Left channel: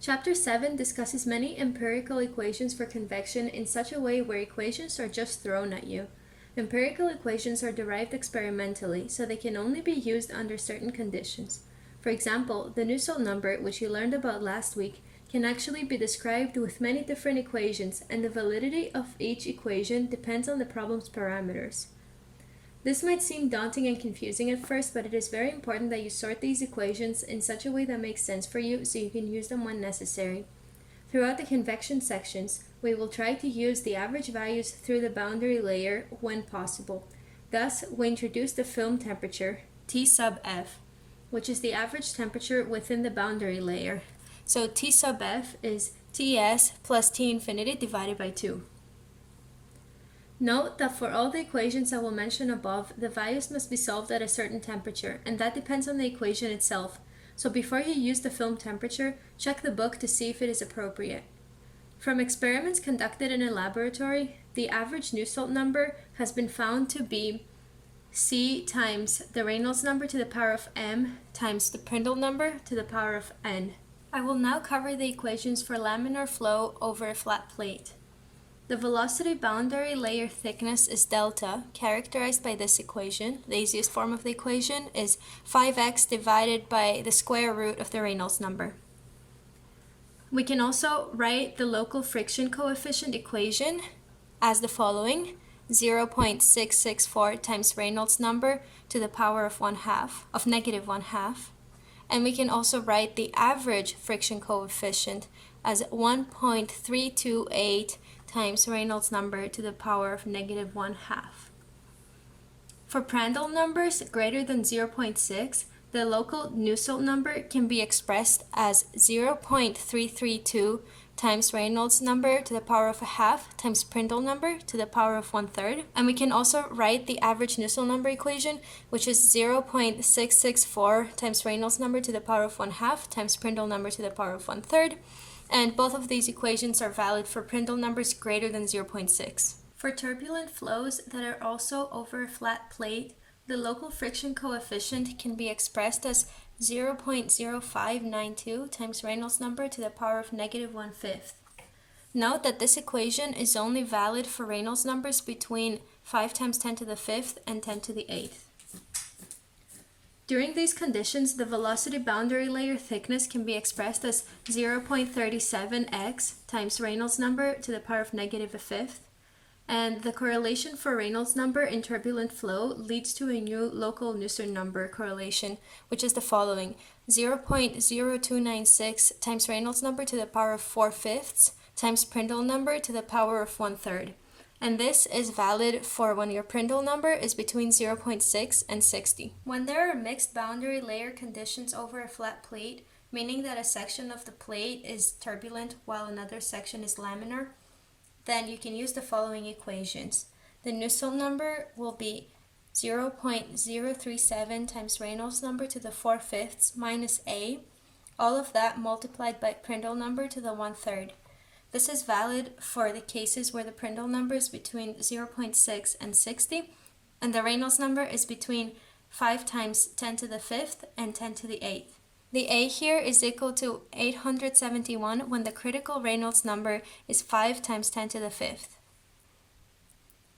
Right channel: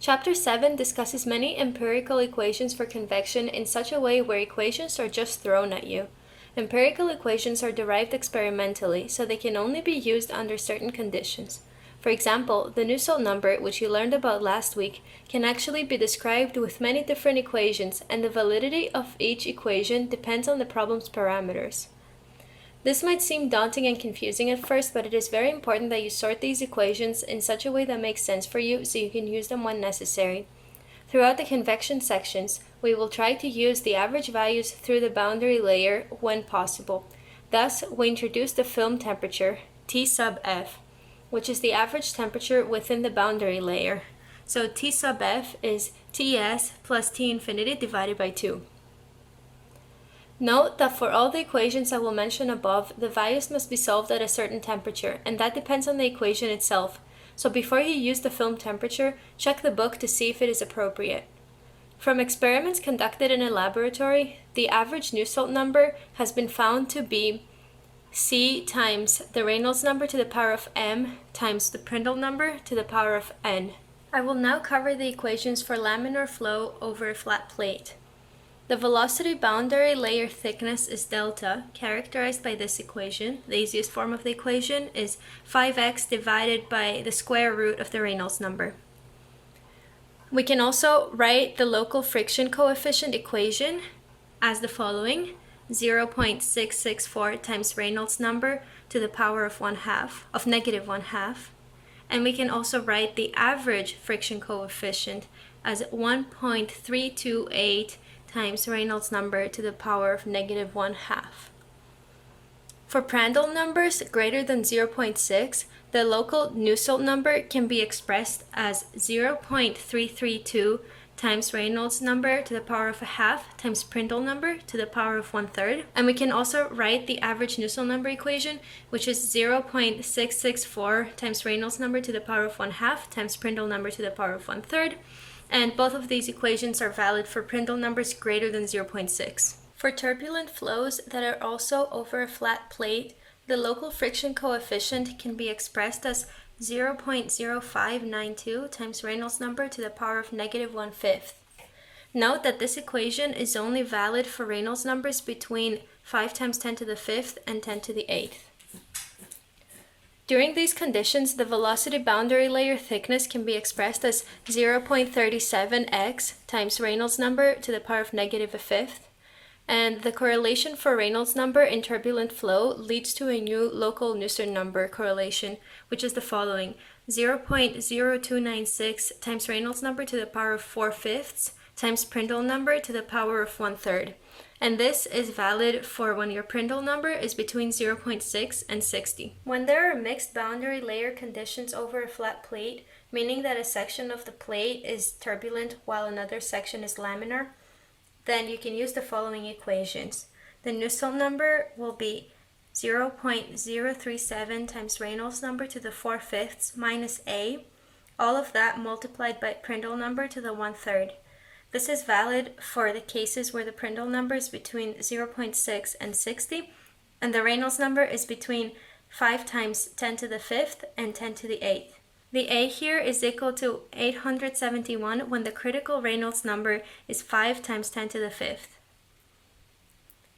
Chapter 7 discusses many empirical equations for convection in such a way where equations are just thrown at you. Empirical equations are derived experimentally, so they can only be used under certain conditions. For example, the Nusselt number, which you learned about last week, can actually be described with many different equations, and the validity of each equation depends on the problem's parameters. This might seem daunting and confusing at first, but it is very important that you sort these equations in such a way that makes sense for you so you can use them when necessary. Throughout the convection sections, we will try to use the average values through the boundary layer when possible. Thus, we introduce the film temperature, T sub f, which is the average temperature within the boundary layer. So T sub f is Ts plus T infinity divided by 2. Note that for all the equations I will mention above, the values must be solved at a certain temperature, and that depends on the equation itself. So before you use the film temperature, check the book to see if it is appropriate. From experiments conducted in a laboratory, the average Nusselt number has been found to be C times the Reynolds number to the power of m times the Prindle number to the power of n. I will now cover the equations for laminar flow over a flat plate. The velocity boundary layer thickness is delta, characterized by this equation. The easiest form of the equation is 5x divided by the square root of the Reynolds number. We can also write the local friction coefficient equation as the following: 0.664 times Reynolds number to the power of negative 1/2. And we can also write the average friction coefficient as 1.328 times Reynolds number to the power of negative 1/2. For Prandtl numbers greater than 0.6, the local Nusselt number can be expressed as 0.332 times Reynolds number to the power of 1/2 times Prindle number to the power of 1/3. And we can also write the average Nusselt number equation, which is 0.664 times Reynolds number to the power of 1/2 times Prindle number to the power of 1/3. And both of these equations are valid for Prindle numbers greater than 0.6. For turbulent flows that are also over a flat plate, the local friction coefficient can be expressed as 0.0592 times Reynolds number to the power of negative 1/5. Note that this equation is only valid for Reynolds numbers between 5 times 10 to the 5th and 10 to the 8th. During these conditions, the velocity boundary layer thickness can be expressed as 0.37x times Reynolds number to the power of negative 1/5. And the correlation for Reynolds number in turbulent flow leads to a new local Nusselt number correlation, which is the following: 0.0296 times Reynolds number to the power of 4/5 times Prindle number to the power of 1/3. And this is valid for when your Prindle number is between 0.6 and 60. When there are mixed boundary layer conditions over a flat plate, meaning that a section of the plate is turbulent while another section is laminar, then you can use the following equations. The Nusselt number will be 0.037 times Reynolds number to the 4/5 minus a, all of that multiplied by Prindle number to the 1/3. This is valid for the cases where the Prindle number is between 0.6 and 60, and the Reynolds number is between 5 times 10 to the 5th and 10 to the 8th. The A here is equal to 871 when the critical Reynolds number is 5 times 10 to the 5th.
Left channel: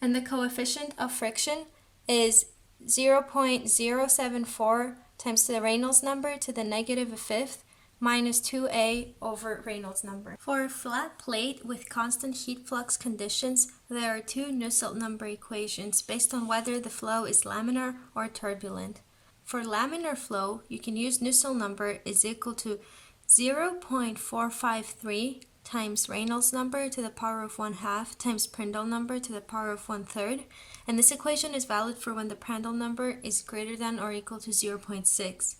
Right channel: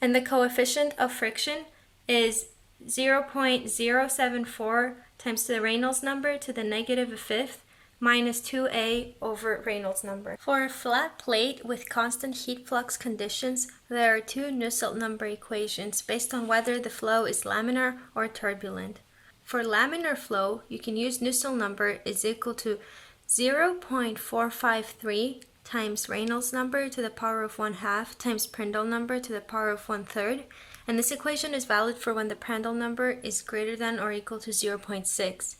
And the coefficient of friction is 0.074 times the Reynolds number to the negative 1/5 minus 2a over Reynolds number. For a flat plate with constant heat flux conditions, there are two Nusselt number equations based on whether the flow is laminar or turbulent. For laminar flow, you can use Nusselt number is equal to 0.453 times Reynolds number to the power of 1/2 times Prindle number to the power of 1/3, and this equation is valid for when the Prandtl number is greater than or equal to 0.6.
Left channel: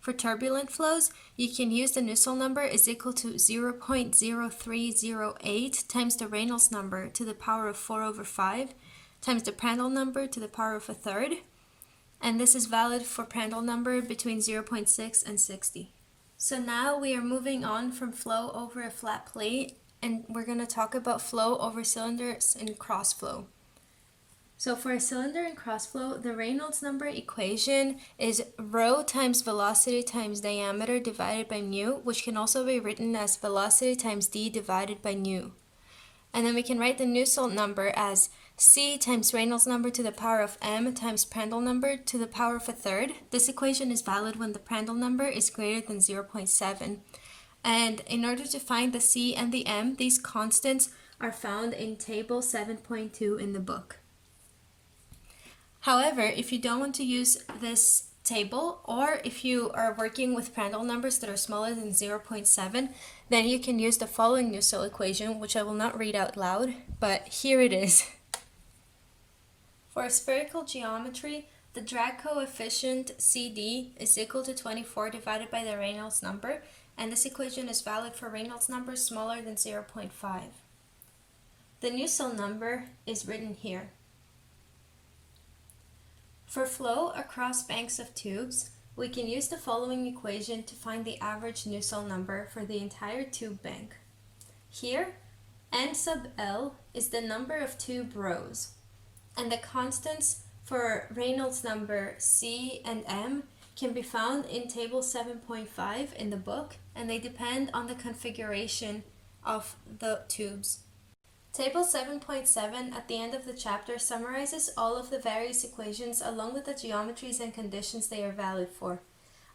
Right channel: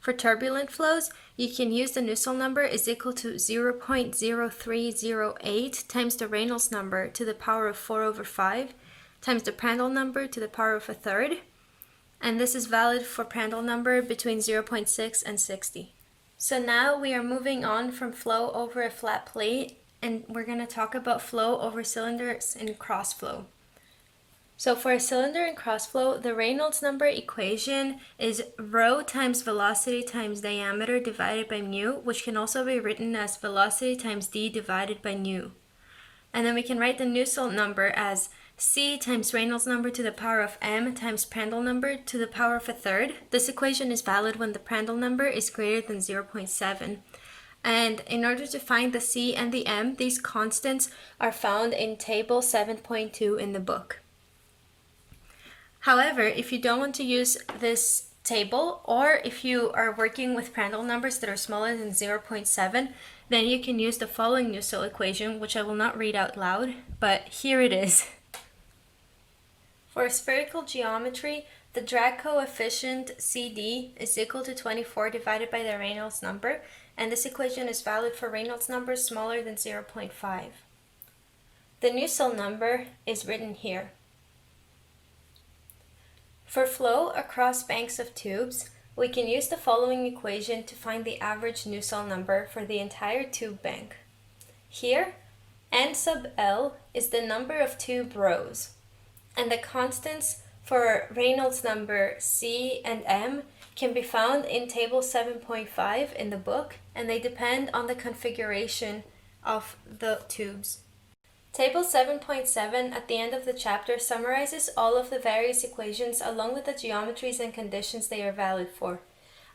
For turbulent flows, you can use the Nusselt number is equal to 0.0308 times the Reynolds number to the power of 4/5 times the Prandtl number to the power of 1/3, and this is valid for Prandtl number between 0.6 and 60. So now we are moving on from flow over a flat plate, and we're going to talk about flow over cylinders in cross flow. So for a cylinder in crossflow, the Reynolds number equation is rho times velocity times diameter divided by mu, which can also be written as velocity times d divided by nu. And then we can write the Nusselt number as c times Reynolds number to the power of m times Prandtl number to the power of a third. This equation is valid when the Prandtl number is greater than 0.7. And in order to find the c and the m, these constants are found in table 7.2 in the book. However, if you don't want to use this table, or if you are working with Prandtl numbers that are smaller than 0.7, then you can use the following Nusselt equation, which I will not read out loud, but here it is. For a spherical geometry, the drag coefficient CD is equal to 24 divided by the Reynolds number, and this equation is valid for Reynolds numbers smaller than 0.5. The Nusselt number is written here. For flow across banks of tubes, we can use the following equation to find the average Nusselt number for the entire tube bank. Here, N sub L is the number of tube rows, and the constants for Reynolds number C and M can be found in table 7.5 in the book, and they depend on the configuration of the tubes. Table 7.7 at the end of the chapter summarizes all of the various equations along with the geometries and conditions they are valid for.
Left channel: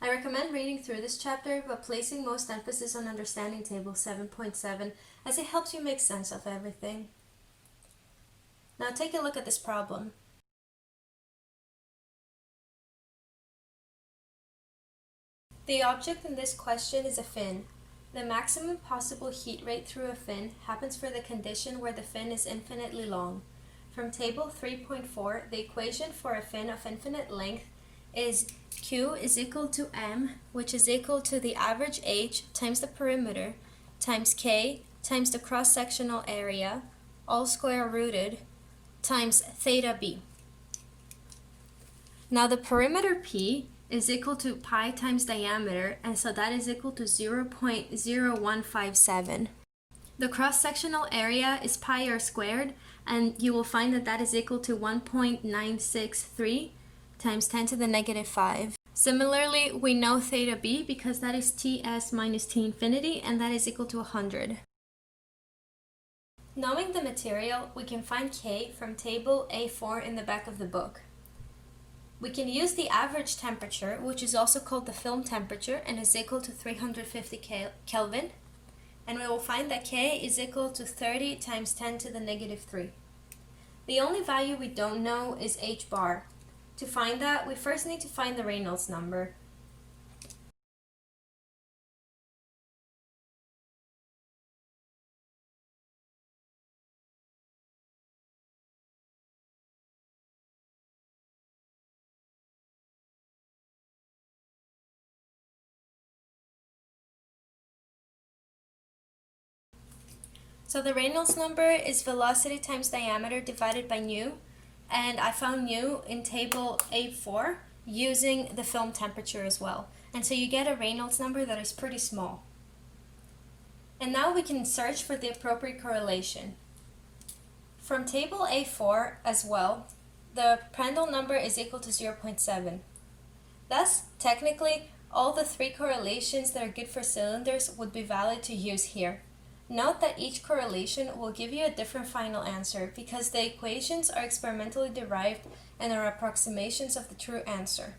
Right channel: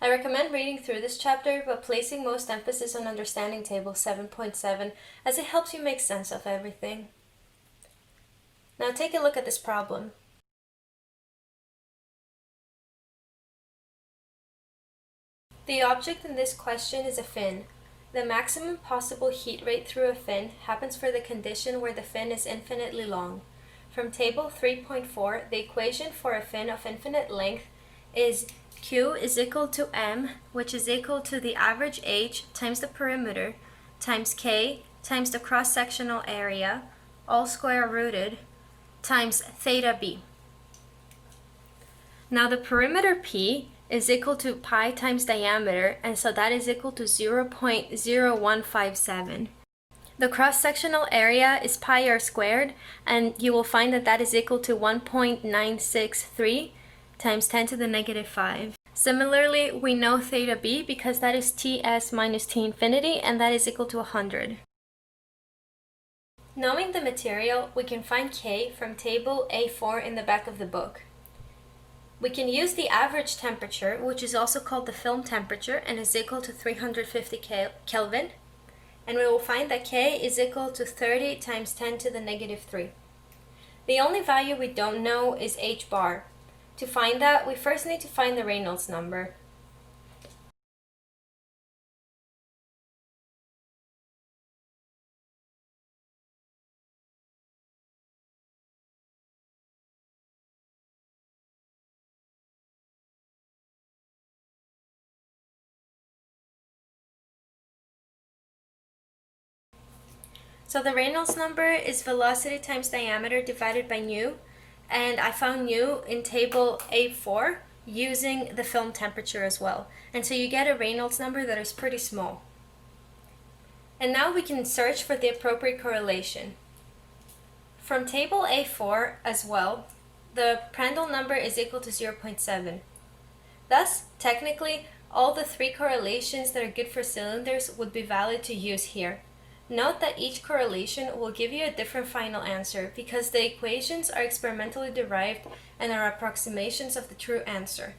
I recommend reading through this chapter, but placing most emphasis on understanding table 7.7 as it helps you make sense of everything. Now take a look at this problem. The object in this question is a fin. The maximum possible heat rate through a fin happens for the condition where the fin is infinitely long. From table 3.4, the equation for a fin of infinite length is Q is equal to M, which is equal to the average H times the perimeter, times K times the cross-sectional area, all square rooted, times theta B. Now the perimeter P is equal to pi times diameter, and so that is equal to 0.0157. The cross-sectional area is pi r squared, and you will find that that is equal to 1.963 times 10 to the negative 5. Similarly, we know theta b because that is Ts minus T infinity, and that is equal to 100. Knowing the material, we can find K from table A4 in the back of the book. We can use the average temperature, which is also called the film temperature, and is equal to 350 Kelvin. And we will find that K is equal to 30 times 10 to the negative 3. The only value we don't know is H bar. To find that, we first need to find the Reynolds number. So the Reynolds number is velocity times diameter divided by nu, and I found nu in table A4 using the film temperature as well. And so you get a Reynolds number that is pretty small. And now we can search for the appropriate correlation. From table A4 as well, the Prandtl number is equal to 0.7. Thus, technically, all the three correlations that are good for cylinders would be valid to use here. Note that each correlation will give you a different final answer because the equations are experimentally derived and are approximations of the true answer.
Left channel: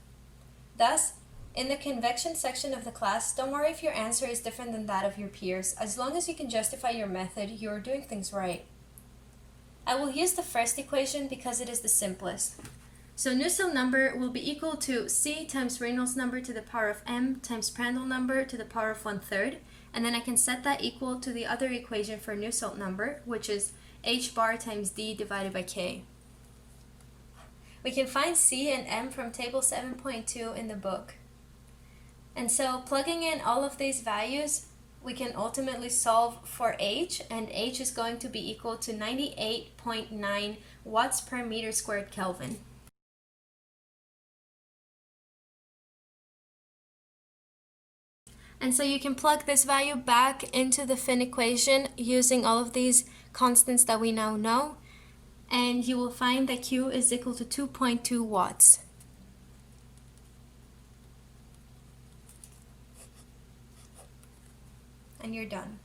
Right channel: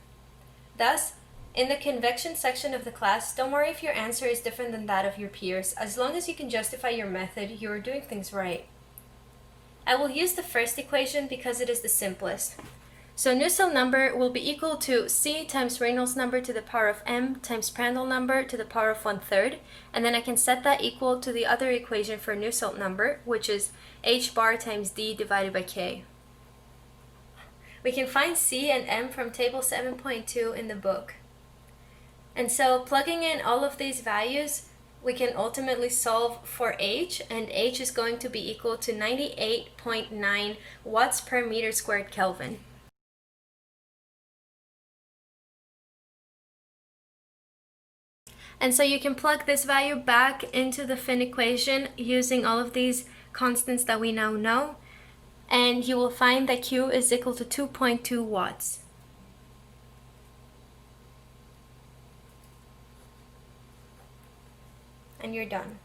Thus, in the convection section of the class, don't worry if your answer is different than that of your peers. As long as you can justify your method, you are doing things right. I will use the first equation because it is the simplest. So Nusselt number will be equal to C times Reynolds number to the power of M times Prandtl number to the power of 1/3, and then I can set that equal to the other equation for Nusselt number, which is H bar times D divided by K. We can find C and M from table 7.2 in the book. And so plugging in all of these values, we can ultimately solve for H, and H is going to be equal to 98.9 watts per meter squared Kelvin. And so you can plug this value back into the fin equation using all of these constants that we now know. and you will find that Q is equal to 2.2 watts. And you're done.